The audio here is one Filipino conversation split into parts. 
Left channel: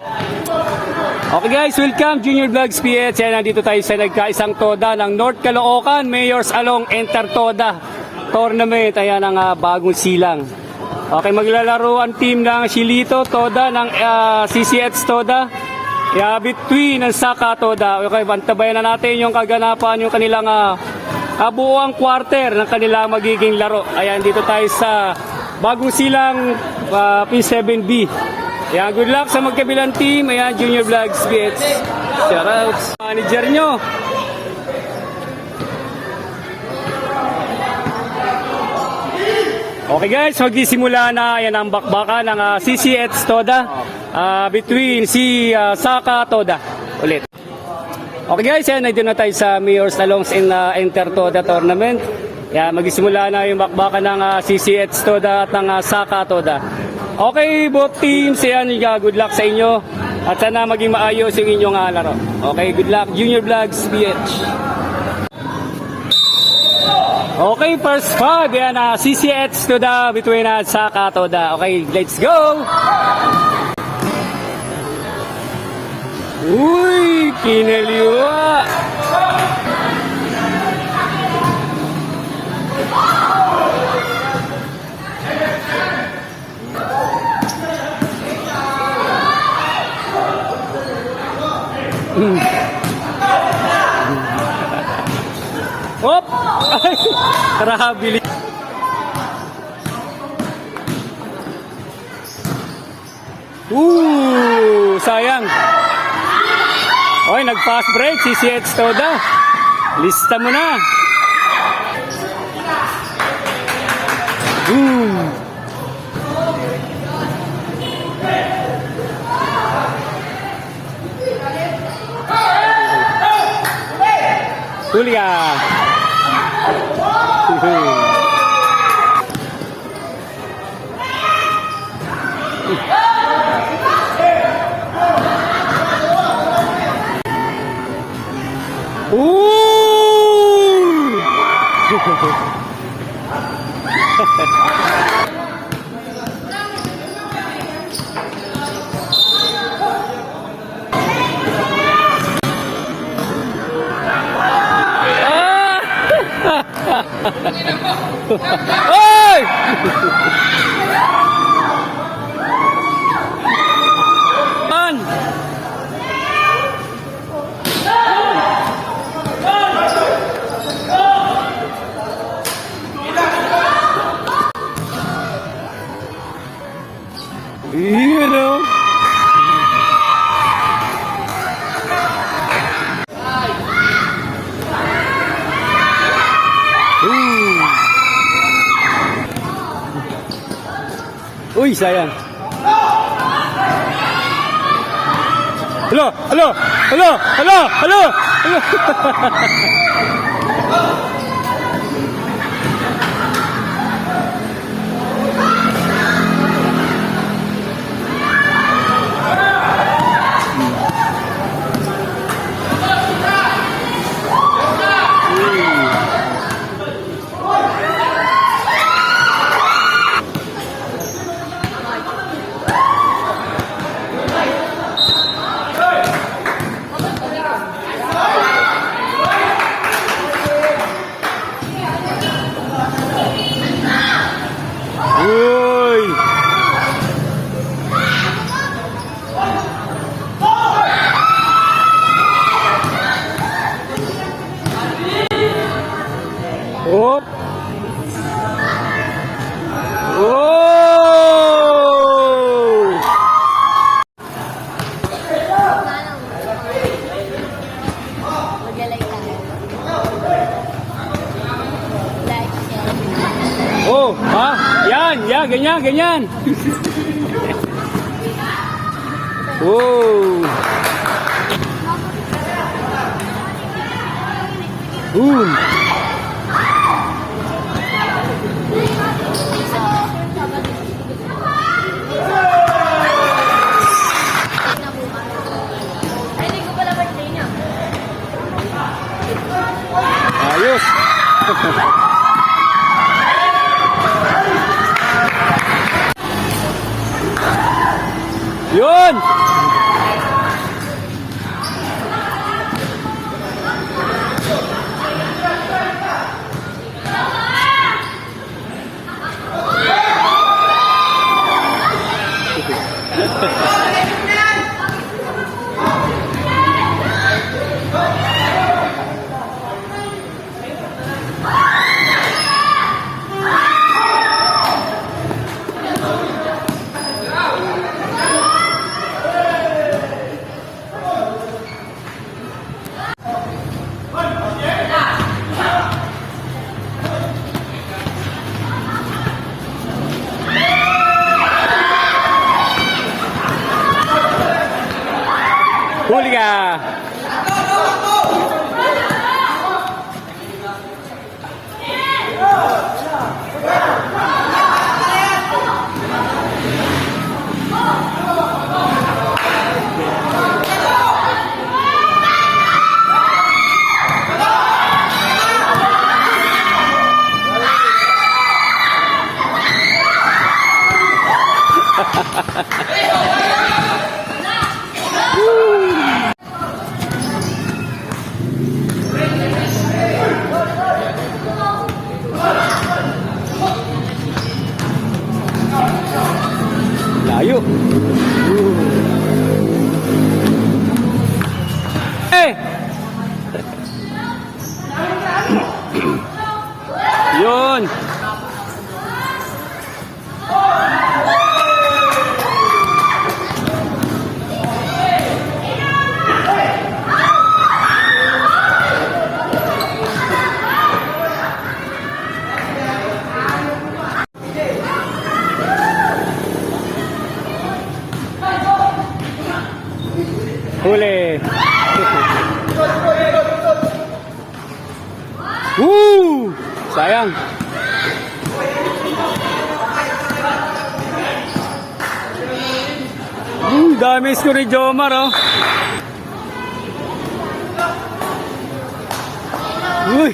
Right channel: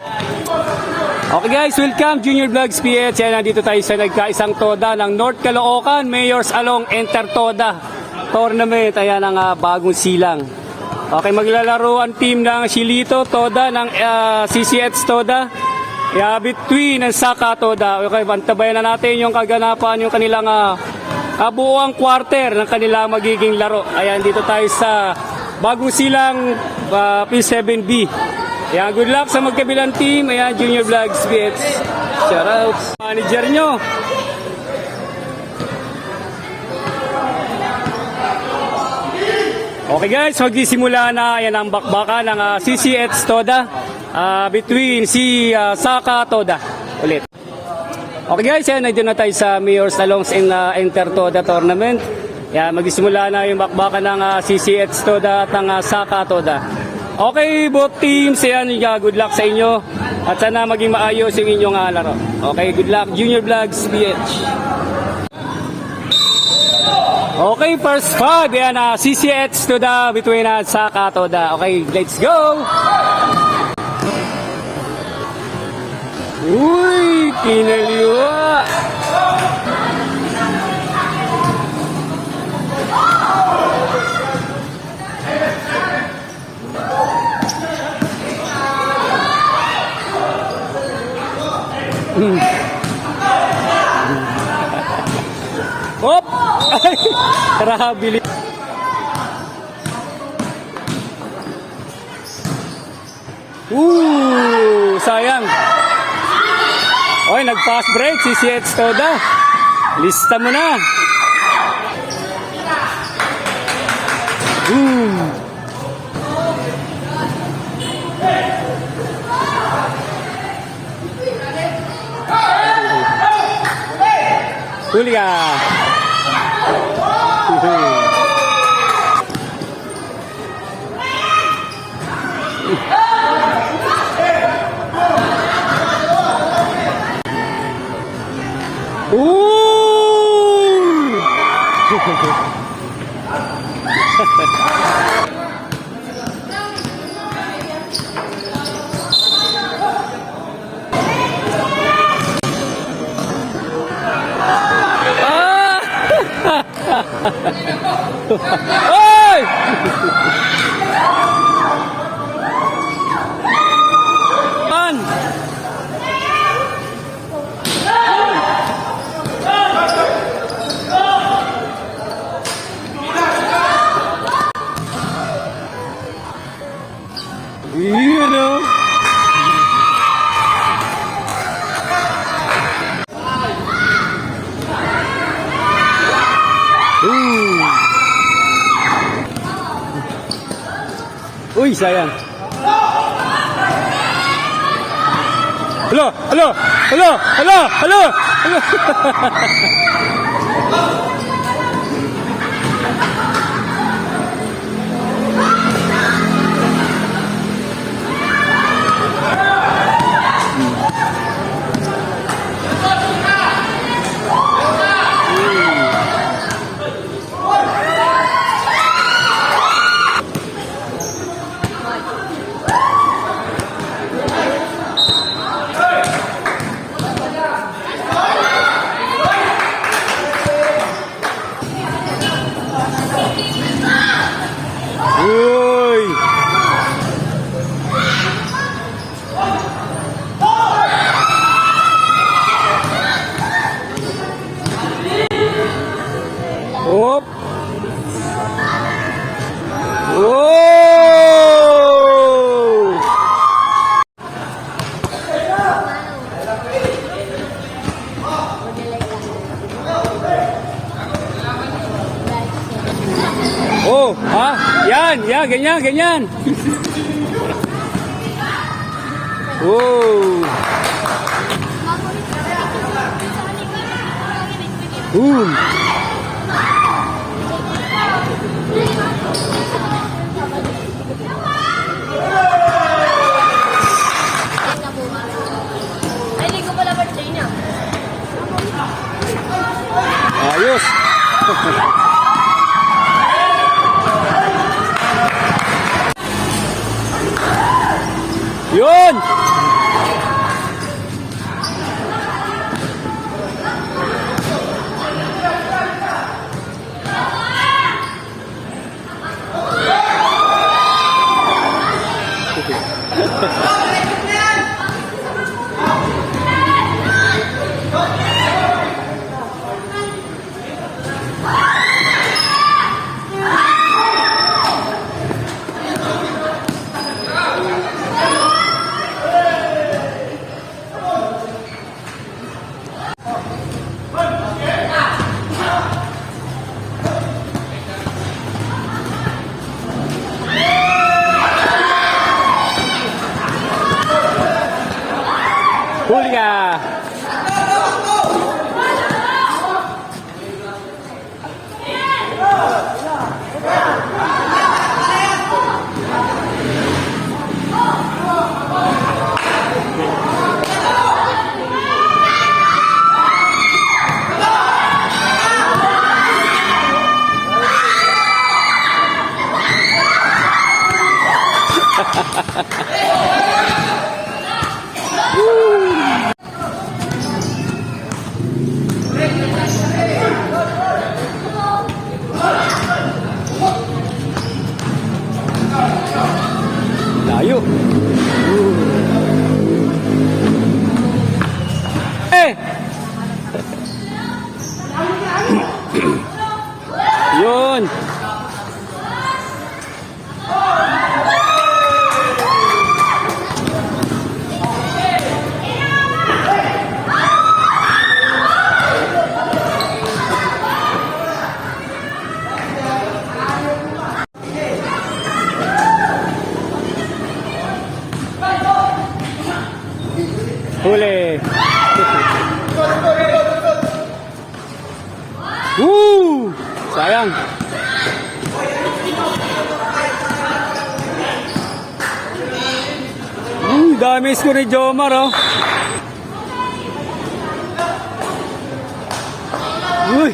Okay guys, welcome Junior Vlogs PH. Yan, nandito tayo sa nagkaisang toda ng North Caloocan Mayor's Along Enter Toda Tournament. Ayan ang bagong silang. Okay, maglalaro ang team ng Shilito Toda ng CCH Toda. Between ng Saka Toda. Okay, bantabayan na natin yung kaganapan, yung kanilang buong quarter ng kanilang magiging laro. Ayan, dito tayo sa bagong silang P7B. Ayan, good luck sa magkabilang team. Ayan, Junior Vlogs PH. Shoutouts. Manager nyo. Okay guys, magsisimula na. Ayan ang bakbaka ng CCH Toda between si Saka Toda. Ulit. Okay guys, ayan, nandito na tayo sa Mayor's Alongs in Enter Toda Tournament. Ayan, magsisimula na yung bakbaka ng CCH Toda at ng Saka Toda. Okay, both teams, ayan, good luck sa inyo. At sana maging maayos yung inyong laro. Okay, good luck, Junior Vlogs PH. Okay, first five, ayan, CCH Toda between Saka Toda. Okay, let's go! Uy, kinaliwa! Hop! Ay! Karahabilis. Sayang. Oy, nag-fast break si CCH Toda. Lista mo na. Julia. Hey! Man! Uy, sayang. Hello, hello, hello, hello, hello, hello. Hop. Yan, ganyan. Ayos. Yun! Huli ka! Layo. Eh! Yun. Huli. Woo! Sayang. Dami score ni Jomar, oh. Uy.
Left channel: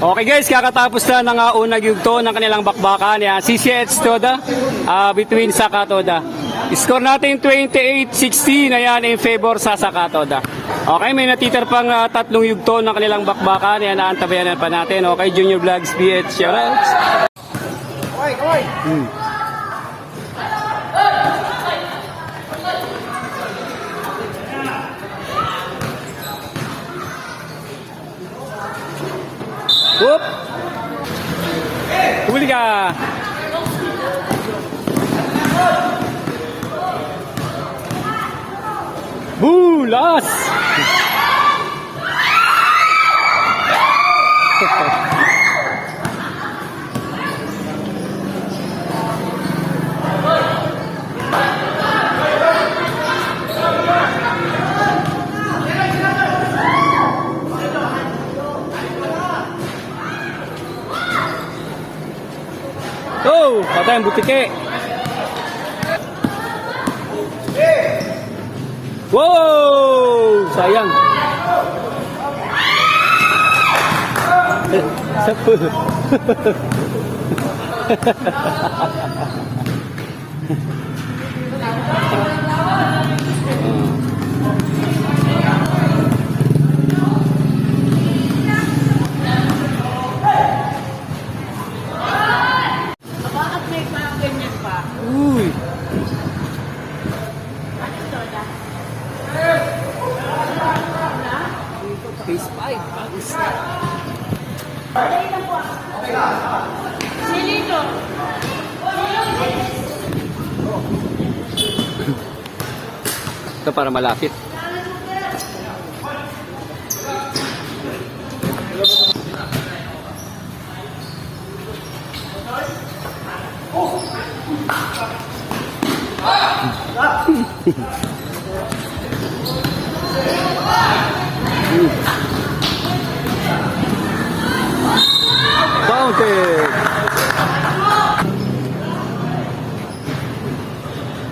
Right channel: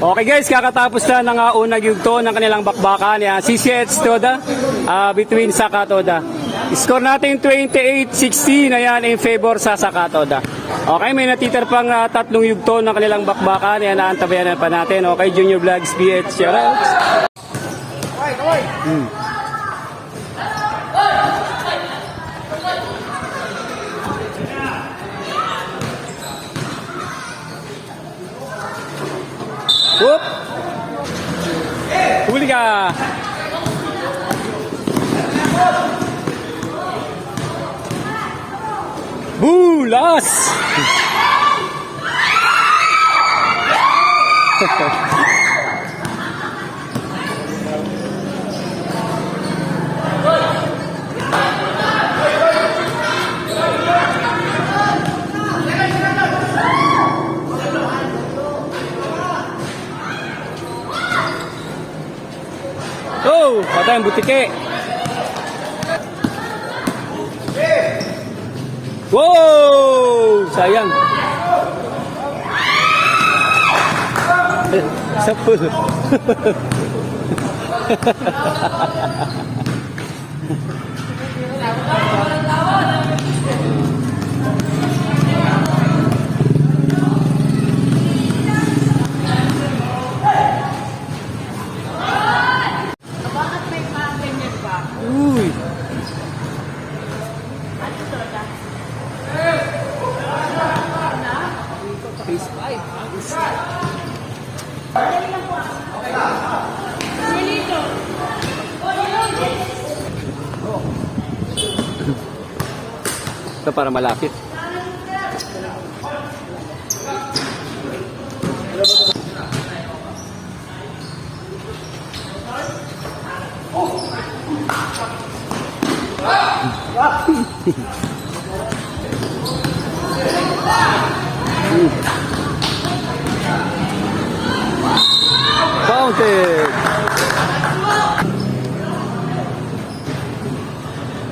Okay guys, kakatapos na ng unang yugto ng kanilang bakbakan. Yan, CCH Toda between Saka Toda. Score natin 28-16 na yan in favor sa Saka Toda. Okay, may natiter pang tatlong yugto ng kanilang bakbakan. Yan, naantabayanan pa natin. Okay, Junior Vlogs PH, shoutouts. Whoop! Huli ka! Bulas! Oh, patay ang butike. Wow! Sayang. Sa pool. Uy. Phase 5. Ito para malapit. Fountain.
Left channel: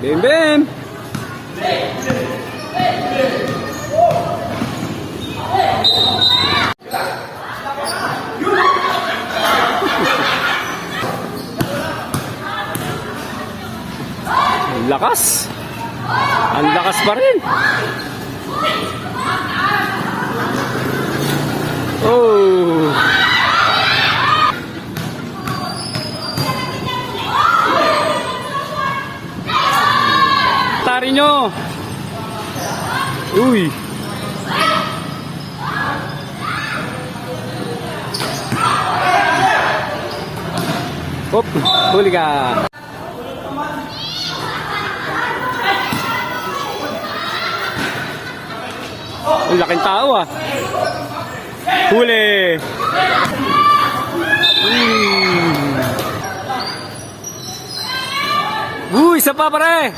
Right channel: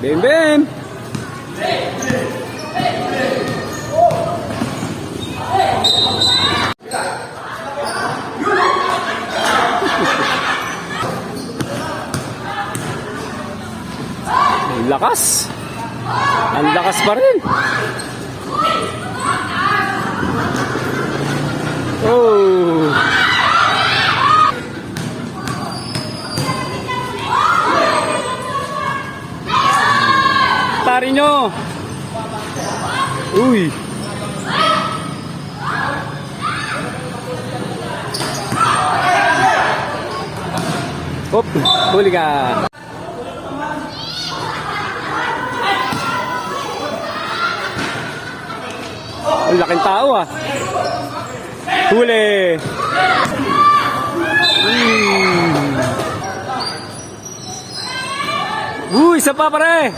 Bim bim. Ang lakas. Ang lakas pa rin. Oh. Tari nyo. Uy. Hop, huli ka. Ang laking tao ah. Huli. Uy, isa pa pare.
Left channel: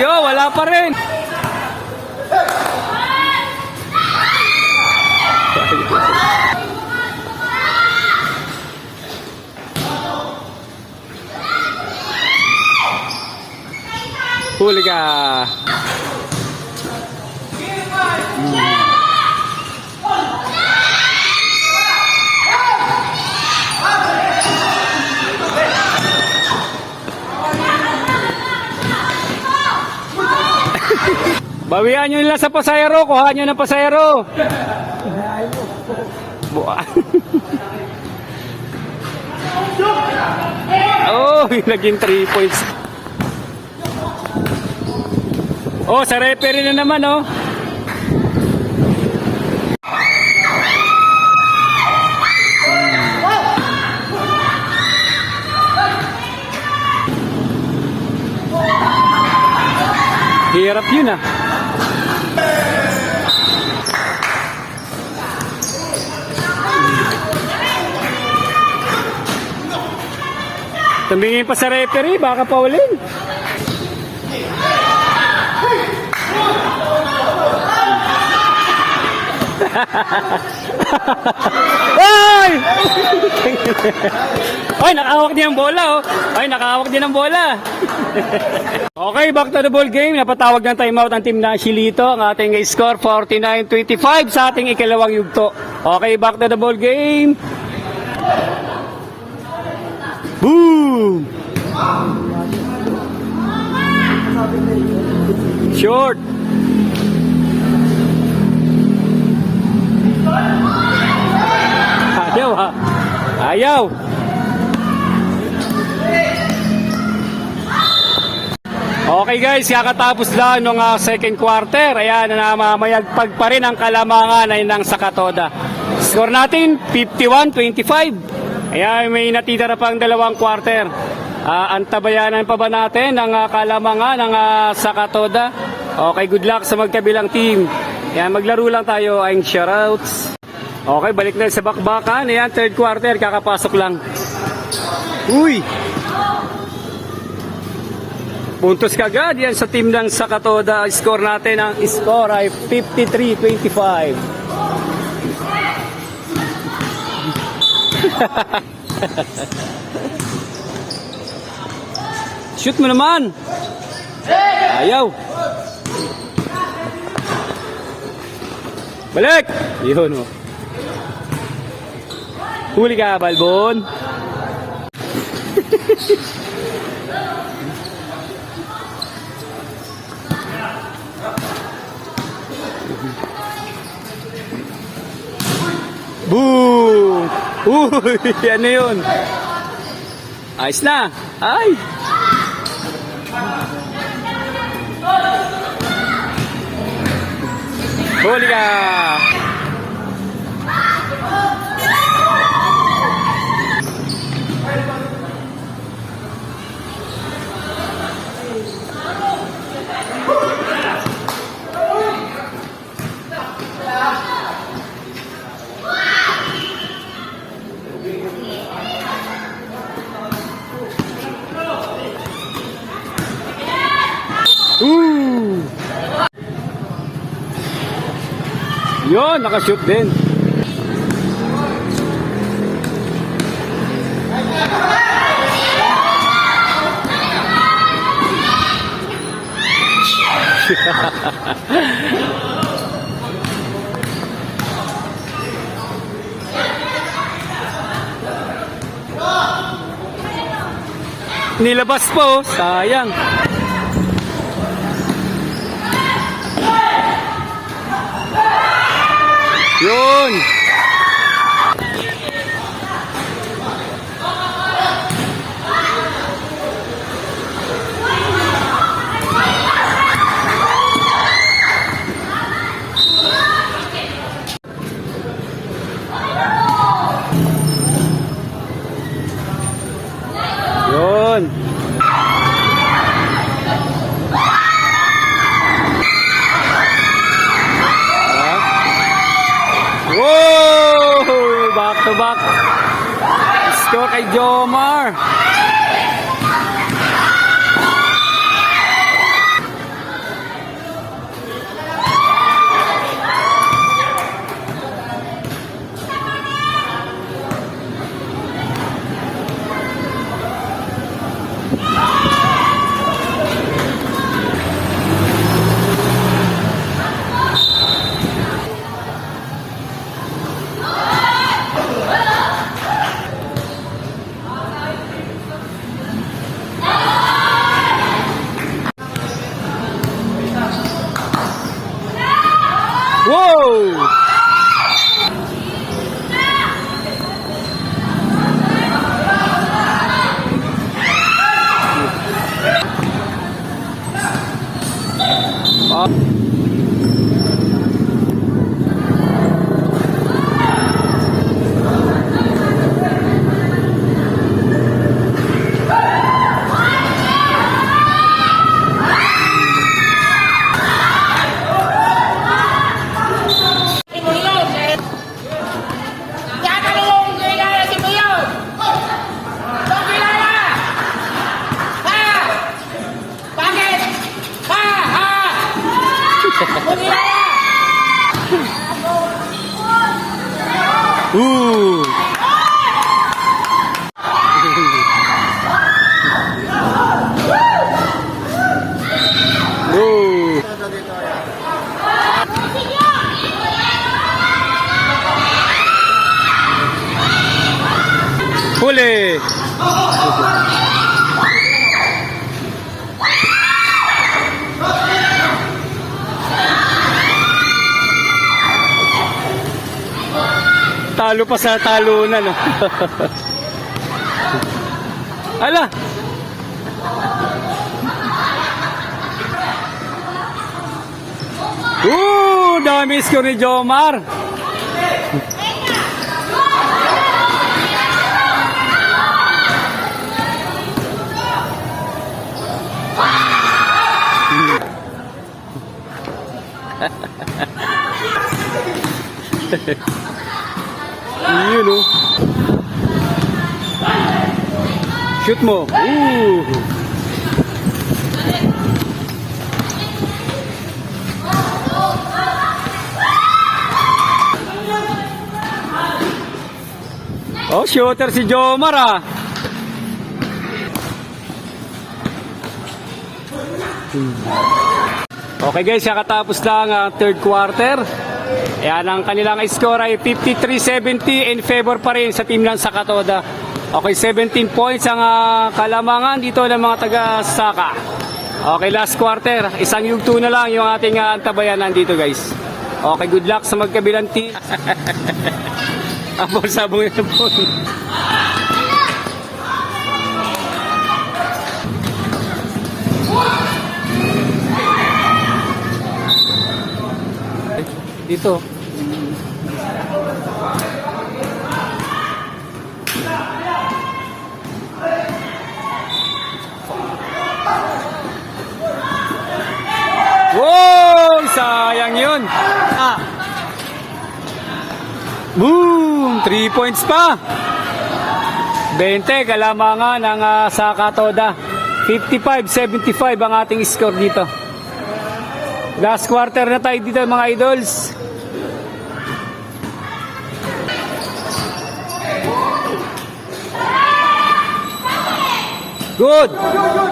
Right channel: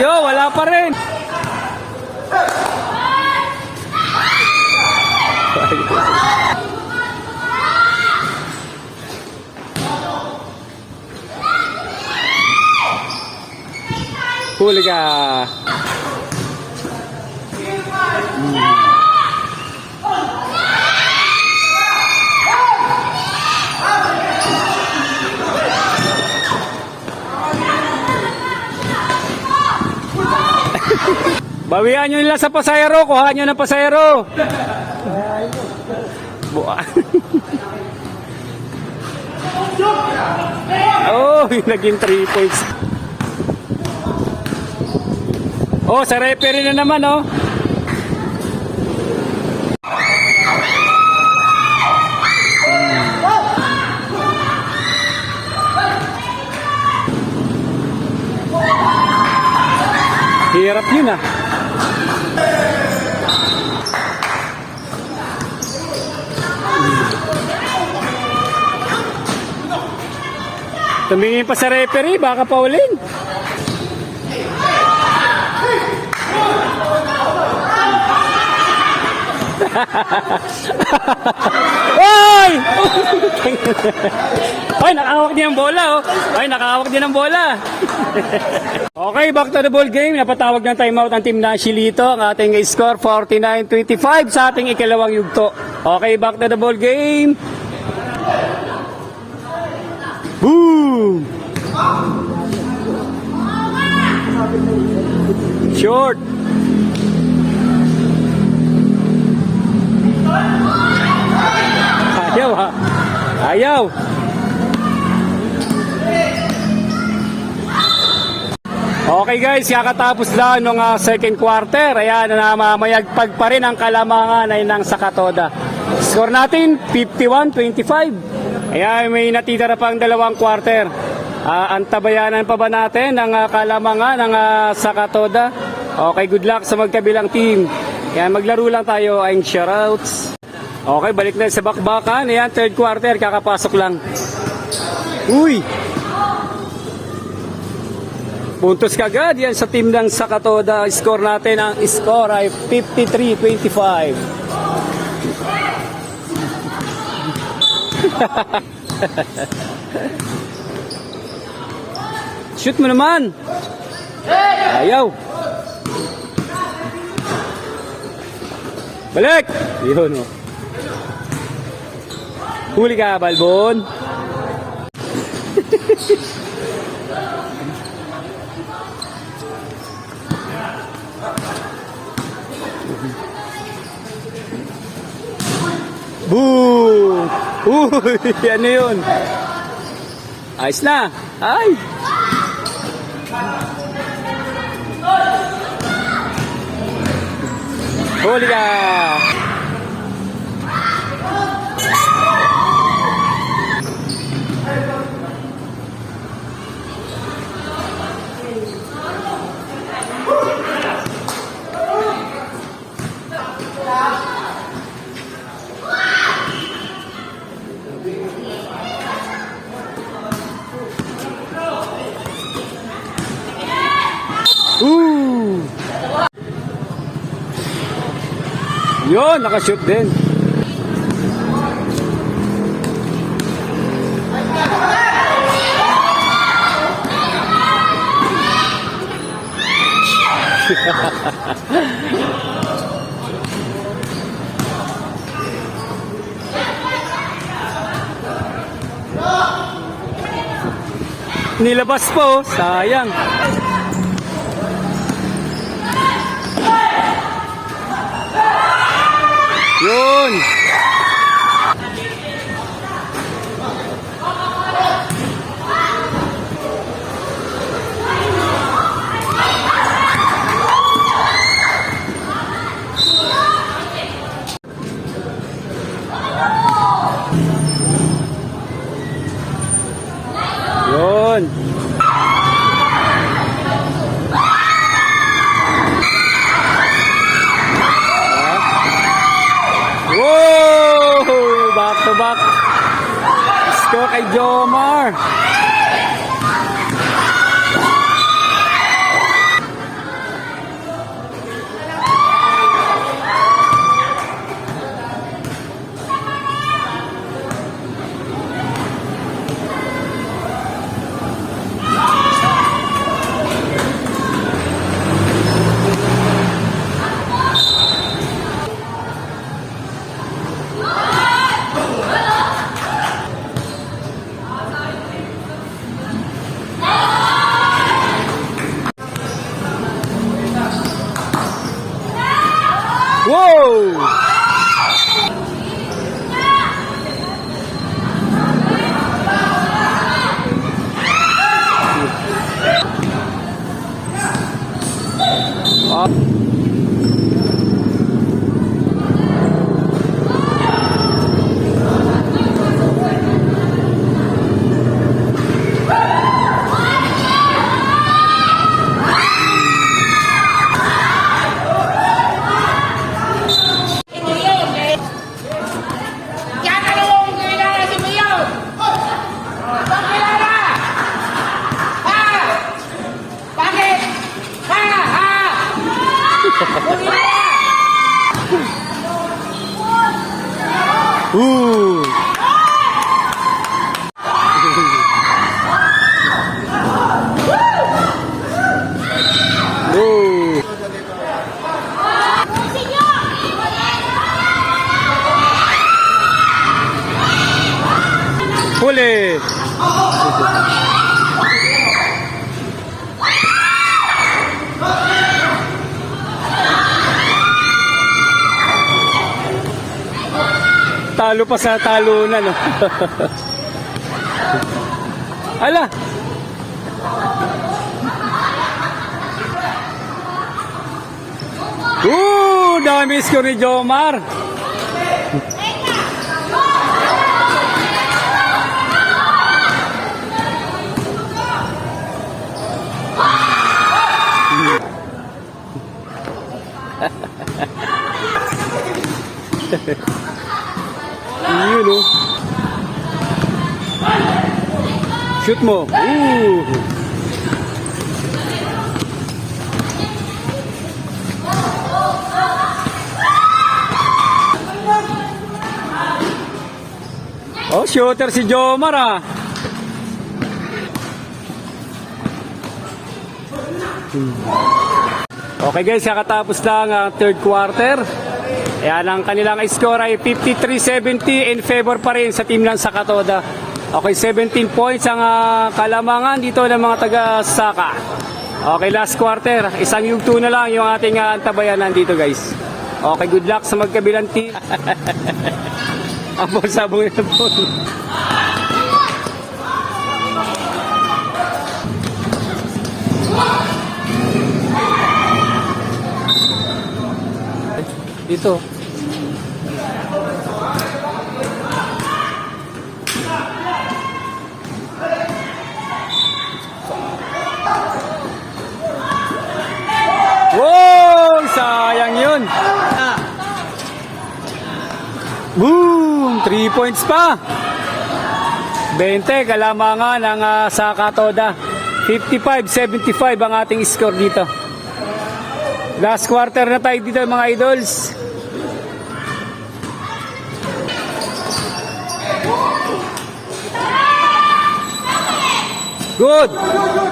Yo, wala pa rin. Huli ka. Bawian nyo nila sa pasayero, kuha nyo ng pasayero. Buwa. Oh, naging 3 points. Oh, sa referee na naman, oh. Hirap yun, ah. Tumingin pa sa referee, baka paulin. Ay! Ay, nakahawak din ang bola, oh. Ay, nakahawak din ang bola. Okay, back to the ball game. Napatawag ng timeout ang team na Shilito. Ang ating score, 49-25 sa ating ikalawang yugto. Okay, back to the ball game. Boom! Short. Ayaw ha. Ayaw. Okay guys, kakatapos lang ng second quarter. Ayan, namamayagpag pa rin ang kalamangan ay ng Sakatoda. Score natin, 51-25. Ayan, may natitira pang dalawang quarter. Antabayanan pa ba natin ang kalamangan ng Sakatoda? Okay, good luck sa magkabilang team. Ayan, maglaro lang tayo ang shoutouts. Okay, balik na sa bakbakan. Ayan, third quarter, kakapasok lang. Uy! Puntos kagad yan sa team ng Sakatoda. Score natin, ang score ay 53-25. Shoot mo naman. Ayaw. Balik. Yun, oh. Huli ka, Balbon. Boom! Uy, ano yun? Ayos na. Ay! Huli ka! Yun, nakashoot din. Nilabas po, sayang. Yun. Yun. Wow! Back to back. Score kay Jomar. Wow! Ooh. Ooh. Huli. Talo pa sa talunan, no? Ala! Dami score ni Jomar. Yun, no? Shoot mo. Oh, shooter si Jomar, ah. Okay guys, kakatapos lang ang third quarter. Ayan, ang kanilang score ay 53-70 in favor pa rin sa team ng Sakatoda. Okay, 17 points ang kalamangan dito ng mga taga-Saka. Okay, last quarter. Isang yugto na lang yung ating antabayanan dito guys. Okay, good luck sa magkabilang team. Apol, sabong yun po. Dito. Wow! Sayang yun. Boom! 3 points pa. 20 kalamangan ng Sakatoda. 55-75 ang ating score dito. Last quarter na tayo dito mga idols. Good!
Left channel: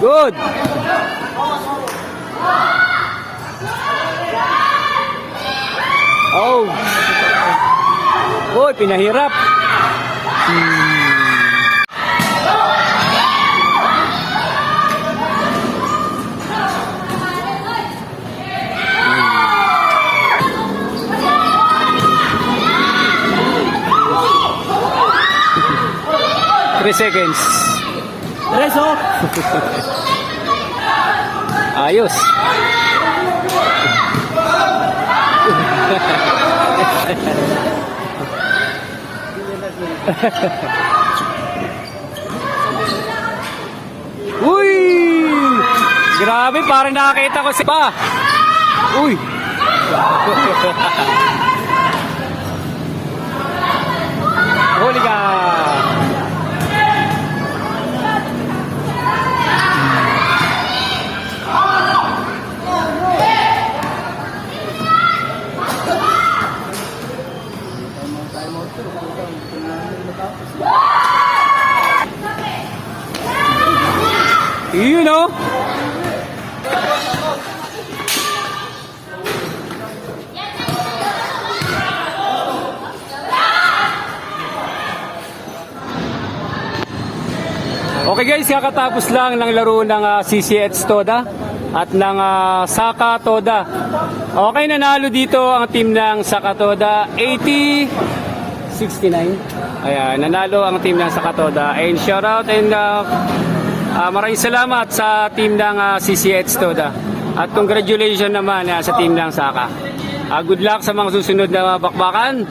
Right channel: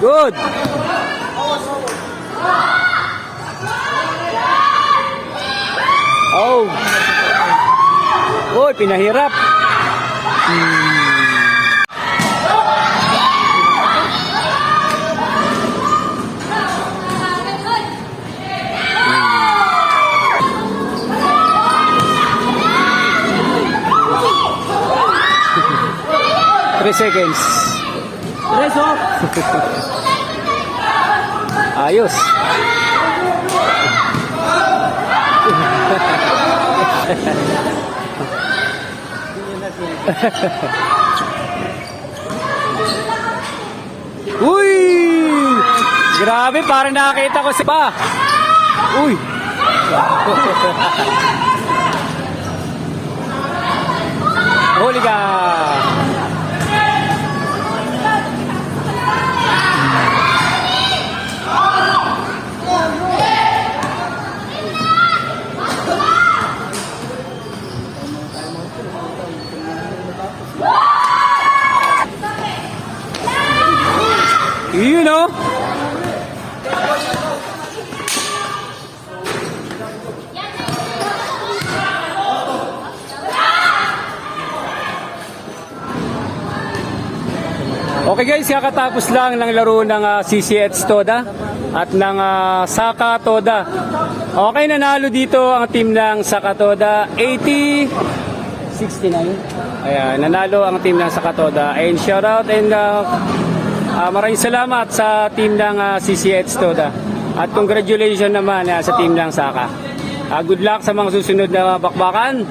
Good! Oh! Oy, pinahirap. Three seconds. Ayos. Uy! Grabe, parang nakakita ko si pa. Uy! Huli ka! Yun o! Okay guys, kakatapos lang ng laro ng CCH Toda at ng Saka Toda. Okay, nanalo dito ang team ng Saka Toda 80-69. Ayan, nanalo ang team ng Saka Toda. And shout out and maraming salamat sa team ng CCH Toda. At congratulations naman sa team ng Saka. Good luck sa mga susunod na bakbakan.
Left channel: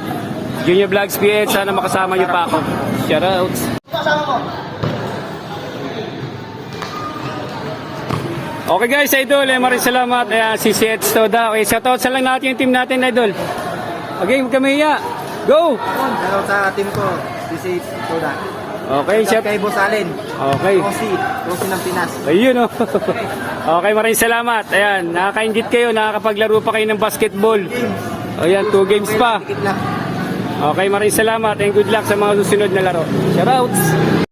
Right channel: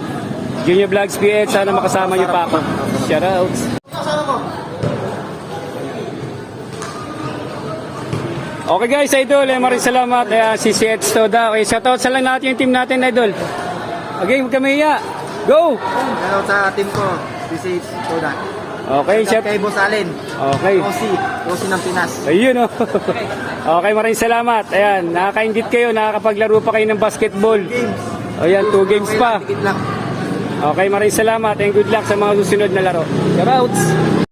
Junior Vlogs PH, sana makasama niyo pa ako. Shout out. Okay guys, idol, maraming salamat. CCH Toda. Okay, shoutout sa lang natin yung team natin, idol. Okay, huwag kami hiya. Go! Hello sa team ko, CCH Toda. Okay, Shout chef. out kay Boss Allen. Okay. Rosie ng Pinas. Ayun, oh. Okay, maraming salamat. Ayan, nakaka-ingit kayo, nakakapaglaro pa kayo ng basketball. Ayan, 2 games pa. Tikit lang. Okay, maraming salamat and good luck sa mga susunod na laro. Shoutouts!